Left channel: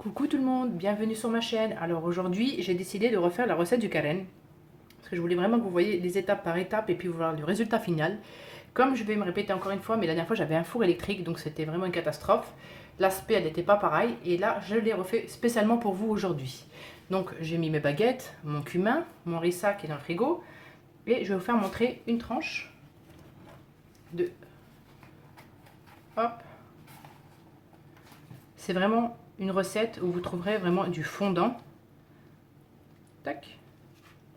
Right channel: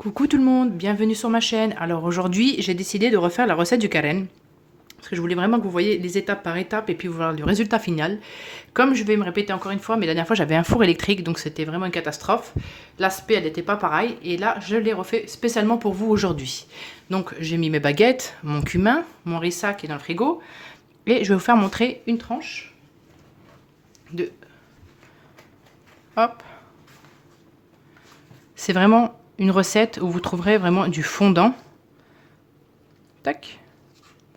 Coucou tout le monde, bienvenue sur ma chaîne. Alors aujourd'hui, j'ai décidé de refaire la recette du carène. Parce que je voulais vraiment que vous voyez les étapes par étape et puis voir le résultat final. Comme je vais me répéter encore une fois, mais la dernière fois j'avais un four électrique, donc c'était vraiment une catastrophe. L'aspect, elle n'était pas pareil. Et là, je l'ai refait spécialement pour vous aujourd'hui. Donc j'ai mis mes baguettes, mon cumin, mon rissa qui est dans le frigo. Et je vais vous faire montrer une tranche de... Hop. C'est vraiment une recette où vous trouverez vraiment du fondant. Tac.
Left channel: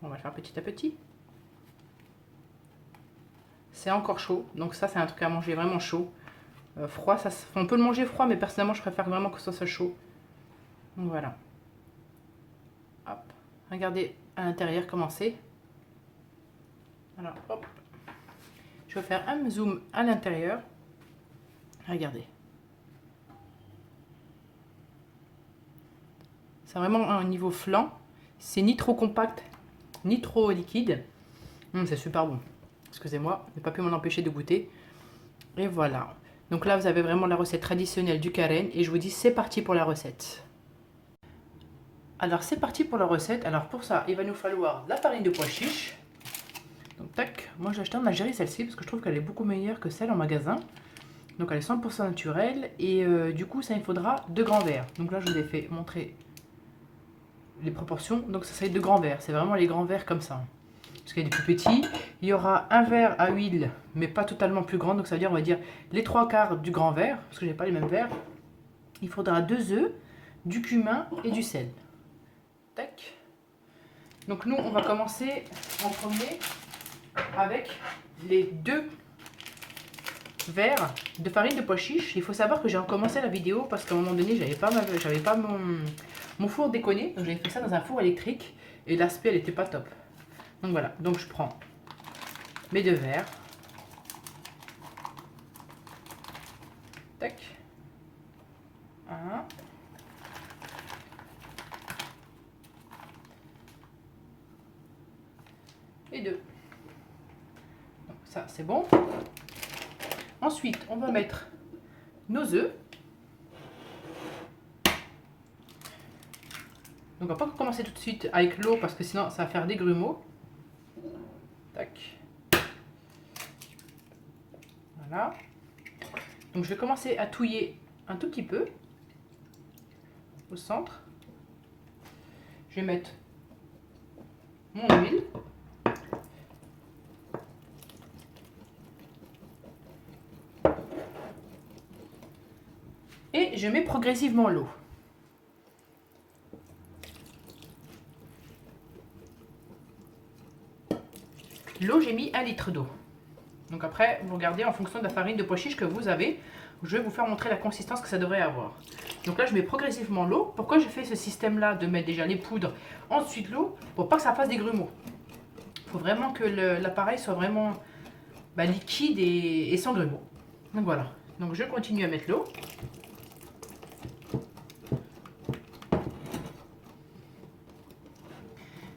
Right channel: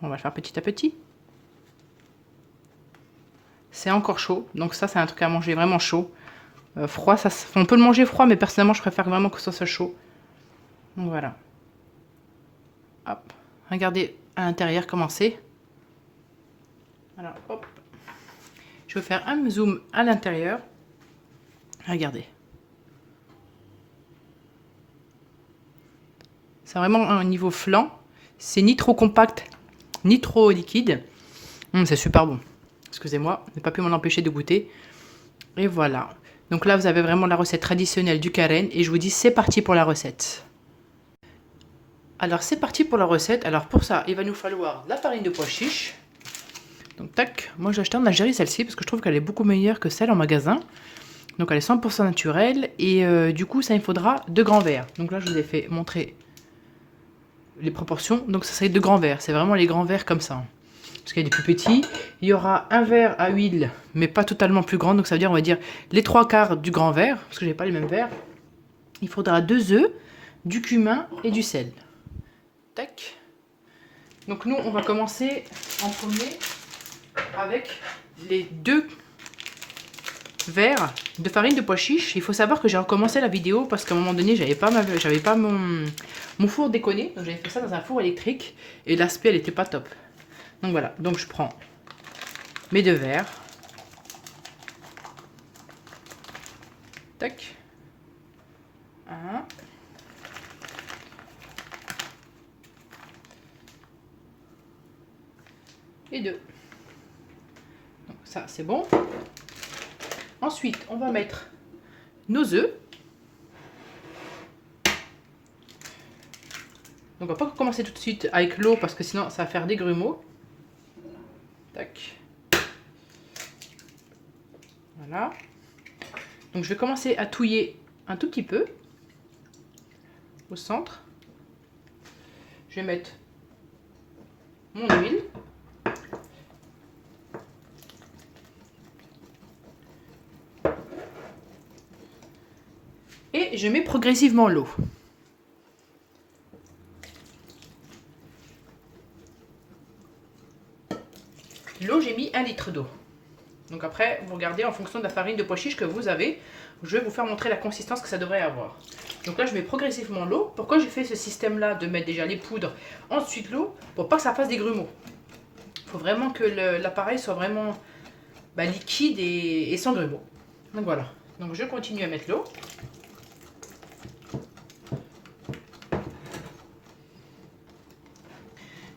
On va le faire petit à petit. C'est encore chaud, donc ça c'est un truc à manger vraiment chaud. Froid, on peut le manger froid, mais personnellement je préfère vraiment que ça soit chaud. Donc voilà. Hop. Regardez à l'intérieur comment c'est. Voilà, hop. Je vais faire un zoom à l'intérieur. Regardez. C'est vraiment un niveau flan. C'est ni trop compact, ni trop liquide. C'est super bon. Excusez-moi, je n'ai pas pu m'en empêcher de goûter. Et voilà. Donc là, vous avez vraiment la recette traditionnelle du carène. Et je vous dis, c'est parti pour la recette. Alors, c'est parti pour la recette. Alors, pour ça, il va nous falloir la farine de pois chiche. Donc, tac. Moi, j'ai acheté en Algérie celle-ci parce que je trouve qu'elle est beaucoup meilleure que celle en magasin. Donc, elle est 100% naturelle. Et du coup, ça, il faudra 2 grands verres. Donc là, je vous ai fait montrer les proportions. Donc, ça serait 2 grands verres. C'est vraiment les grands verres comme ça. Parce qu'il y a des plus petits. Il y aura un verre à huile, mais pas totalement plus grand. Donc ça veut dire, on va dire, les 3/4 du grand verre, parce que j'ai pas les mêmes verres. Il faudra 2 œufs, du cumin et du sel. Tac. Donc nous, on va commencer en premier avec les 2 verres de farine de pois chiche. Il faut savoir que j'ai recommencé la vidéo parce qu'à un moment donné, j'avais pas mon four déconné. Donc j'avais fait ça dans un four électrique et l'aspect, elle était pas top. Donc voilà, donc je prends mes 2 verres. Tac. 1. Et 2. Donc ça, c'est bon. Ensuite, on va mettre nos œufs. Donc on va pas commencer tout de suite avec l'eau parce que sinon ça va faire des grumeaux. Tac. Voilà. Donc je vais commencer à touiller un tout petit peu au centre. Je vais mettre mon huile. Et je mets progressivement l'eau. L'eau, j'ai mis 1 litre d'eau. Donc après, vous regardez en fonction de la farine de pois chiche que vous avez. Je vais vous faire montrer la consistance que ça devrait avoir. Donc là, je mets progressivement l'eau. Pourquoi j'ai fait ce système-là de mettre déjà les poudres, ensuite l'eau, pour pas que ça fasse des grumeaux. Il faut vraiment que l'appareil soit vraiment liquide et sans grumeaux. Donc voilà. Donc je continue à mettre l'eau.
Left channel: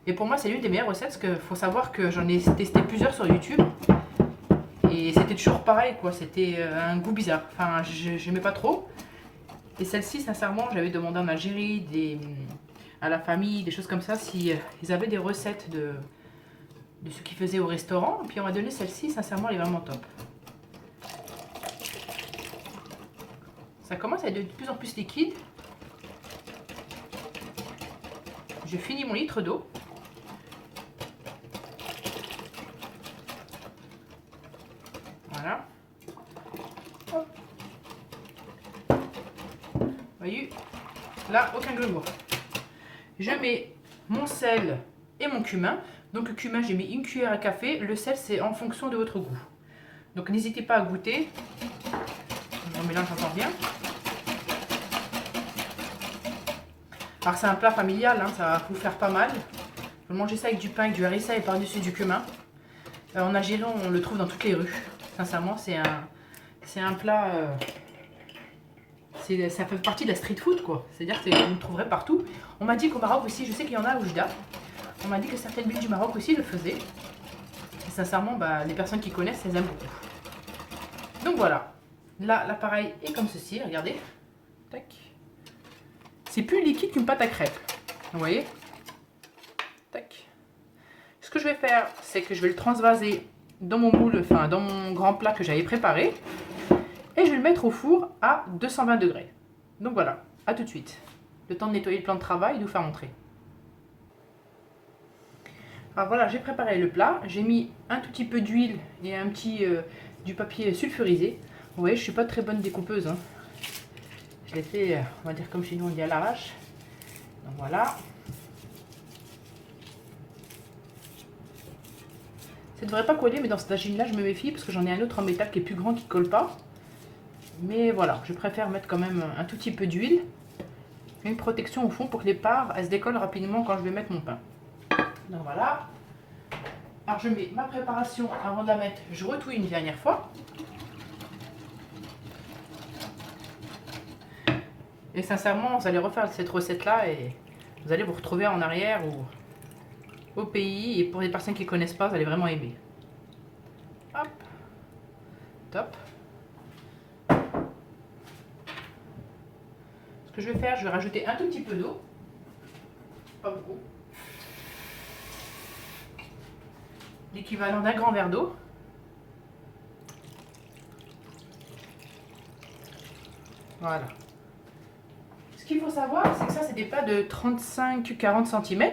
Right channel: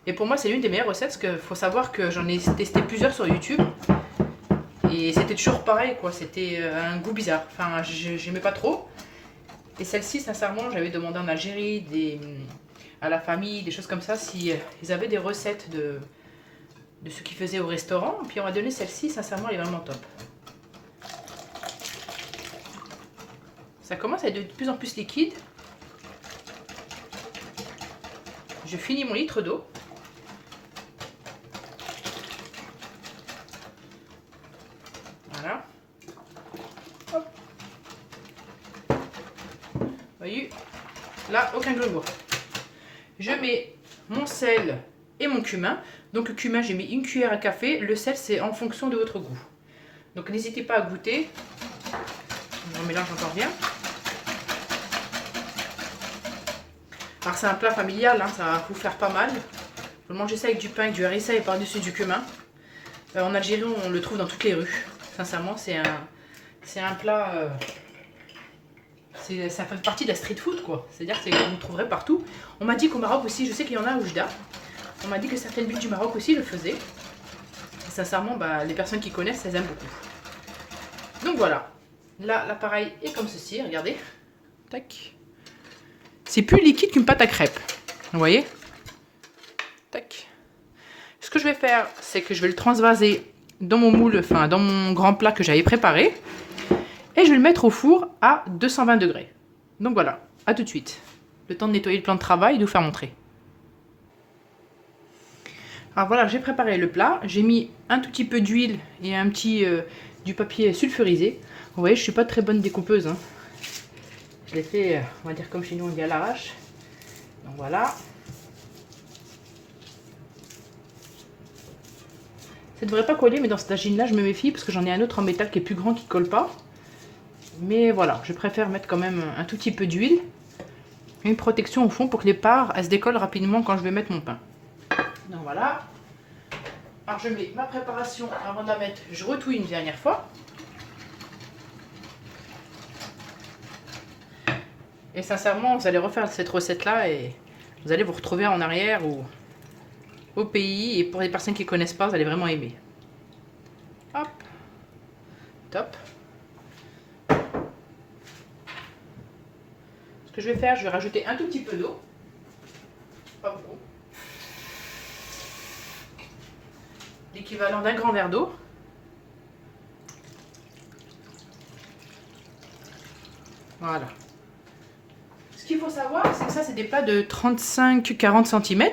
Et pour moi, c'est l'une des meilleures recettes parce qu'il faut savoir que j'en ai testé plusieurs sur YouTube. Et c'était toujours pareil, quoi. C'était un goût bizarre. Enfin, j'aimais pas trop. Et celle-ci, sincèrement, j'avais demandé en Algérie à la famille, des choses comme ça, si ils avaient des recettes de ce qu'ils faisaient au restaurant. Et puis on m'a donné celle-ci, sincèrement, elle est vraiment top. Ça commence à être de plus en plus liquide. Je finis mon litre d'eau. Voilà. Hop. Voyez, là, aucun grumeau. Je mets mon sel et mon cumin. Donc le cumin, j'ai mis 1 cuillère à café. Le sel, c'est en fonction de votre goût. Donc n'hésitez pas à goûter. On mélange encore bien. Alors c'est un plat familial, hein, ça va vous faire pas mal. Vous mangez ça avec du pain, avec du harissa et par-dessus du cumin. En Algérie, on le trouve dans toutes les rues. Sincèrement, c'est un plat... ça fait partie de la street food, quoi. C'est-à-dire que vous le trouverez partout. On m'a dit qu'au Maroc aussi, je sais qu'il y en a à Oujda. On m'a dit que certaines villes du Maroc aussi le faisaient. Et sincèrement, les personnes qui connaissent, elles aiment beaucoup. Donc voilà. Là, l'appareil est comme ceci, regardez. Tac. c'est plus liquide qu'une pâte à crêpes. Vous voyez? Tac. Ce que je vais faire, c'est que je vais le transvaser dans mon moule, enfin dans mon grand plat que j'avais préparé. Et je vais le mettre au four à 220 degrés. Donc voilà, à tout de suite. Le temps de nettoyer le plan de travail et de vous faire montrer. Alors voilà, j'ai préparé le plat. J'ai mis un tout petit peu d'huile et un petit du papier sulfurisé. Vous voyez, je ne suis pas très bonne découpeuse. Hein. Je l'ai fait, on va dire comme chez nous, on dit à l'arrache. Donc voilà. Ça ne devrait pas coller, mais dans cette agine là je me méfie parce que j'en ai un autre en métal qui est plus grand qui ne colle pas. Mais voilà, je préfère mettre quand même un tout petit peu d'huile. Une protection au fond pour que les parts elles se décollent rapidement quand je vais mettre mon pain. Donc voilà. Alors je mets ma préparation avant de la mettre, je retouille une dernière fois. Et sincèrement, vous allez refaire cette recette là et vous allez vous retrouver en arrière ou au pays. Et pour les personnes qui ne connaissent pas, vous allez vraiment aimer. Hop. Top. Ce que je vais faire, je vais rajouter un tout petit peu d'eau. Pas beaucoup. L'équivalent d'un grand verre d'eau. Voilà. Ce qu'il faut savoir, c'est que ça, c'est des plats de 35-40 cm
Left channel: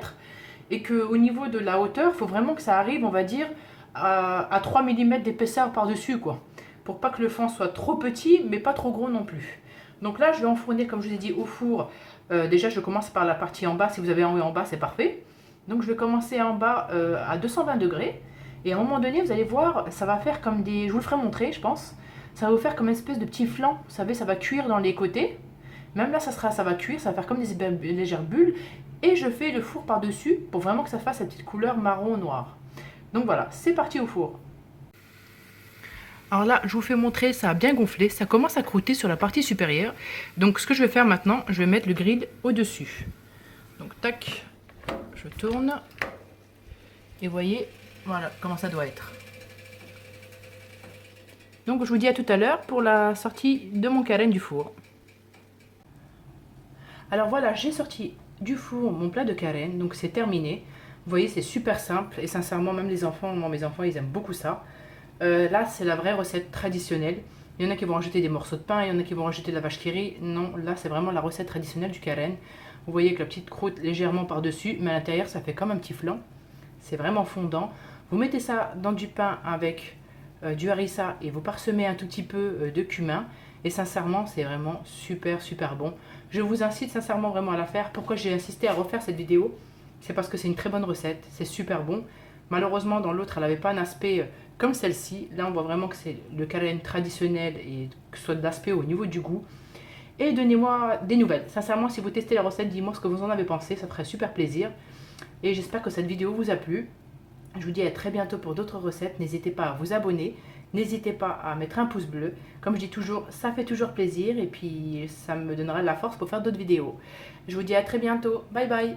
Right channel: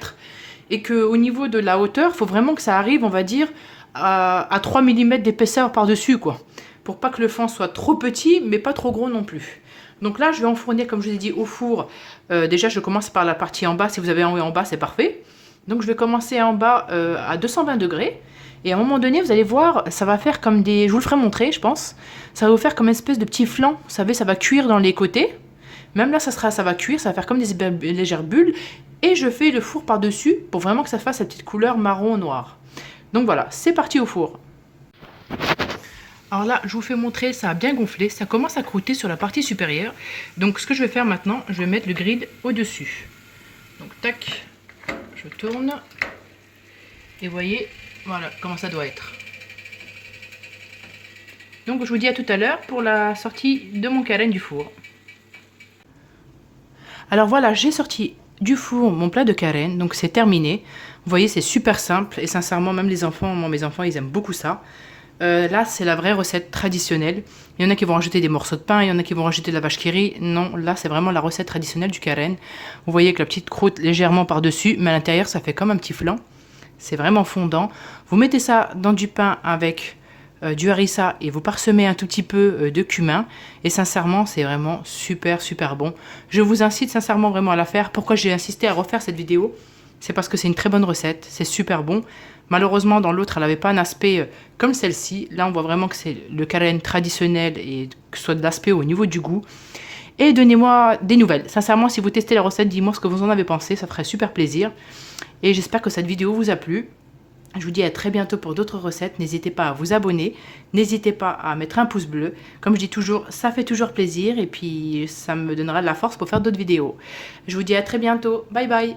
et qu'au niveau de la hauteur, il faut vraiment que ça arrive, on va dire, à 3 mm d'épaisseur par-dessus, quoi. Pour pas que le fond soit trop petit, mais pas trop gros non plus. Donc là, je vais enfourner, comme je vous ai dit, au four. Déjà, je commence par la partie en bas. Si vous avez en haut et en bas, c'est parfait. Donc, je vais commencer en bas à 220 degrés. Et à un moment donné, vous allez voir, ça va faire comme des... Je vous le ferai montrer, je pense. Ça va vous faire comme une espèce de petit flan. Vous savez, ça va cuire dans les côtés. Même là, ça va cuire, ça va faire comme des légères bulles. Et je fais le four par-dessus pour vraiment que ça fasse cette petite couleur marron-noir. Donc voilà, c'est parti au four. Alors là, je vous fais montrer, ça a bien gonflé. Ça commence à croûter sur la partie supérieure. Donc ce que je vais faire maintenant, je vais mettre le grill au-dessus. Donc tac, je tourne. Et vous voyez, voilà comment ça doit être. Donc je vous dis à tout à l'heure pour la sortie de mon carène du four. Alors voilà, j'ai sorti du four mon plat de carène, donc c'est terminé. Vous voyez, c'est super simple et sincèrement, même les enfants, mes enfants, ils aiment beaucoup ça. Là, c'est la vraie recette traditionnelle. Il y en a qui vont rajouter des morceaux de pain, il y en a qui vont rajouter de la vache qui rit. Non, là, c'est vraiment la recette traditionnelle du carène. Vous voyez avec la petite croûte légèrement par-dessus, mais à l'intérieur, ça fait comme un petit flan. C'est vraiment fondant. Vous mettez ça dans du pain avec du harissa et vous parsemez un tout petit peu de cumin. Et sincèrement, c'est vraiment super, super bon. Je vous incite sincèrement vraiment à la faire. Pourquoi j'ai insisté à refaire cette vidéo? C'est parce que c'est une très bonne recette, c'est super bon. Malheureusement, dans l'autre, elle n'avait pas un aspect comme celle-ci. Là, on voit vraiment que c'est le carène traditionnel et que ce soit de l'aspect au niveau du goût. Et donnez-moi des nouvelles. Sincèrement, si vous testez la recette, dites-moi ce que vous en avez pensé. Ça ferait super plaisir. Et j'espère que cette vidéo vous a plu. Je vous dis à très bientôt pour d'autres recettes. N'hésitez pas à vous abonner. N'hésitez pas à mettre un pouce bleu. Comme je dis toujours, ça fait toujours plaisir. Et puis, ça me donnera de la force pour faire d'autres vidéos. Je vous dis à très bientôt. Bye bye.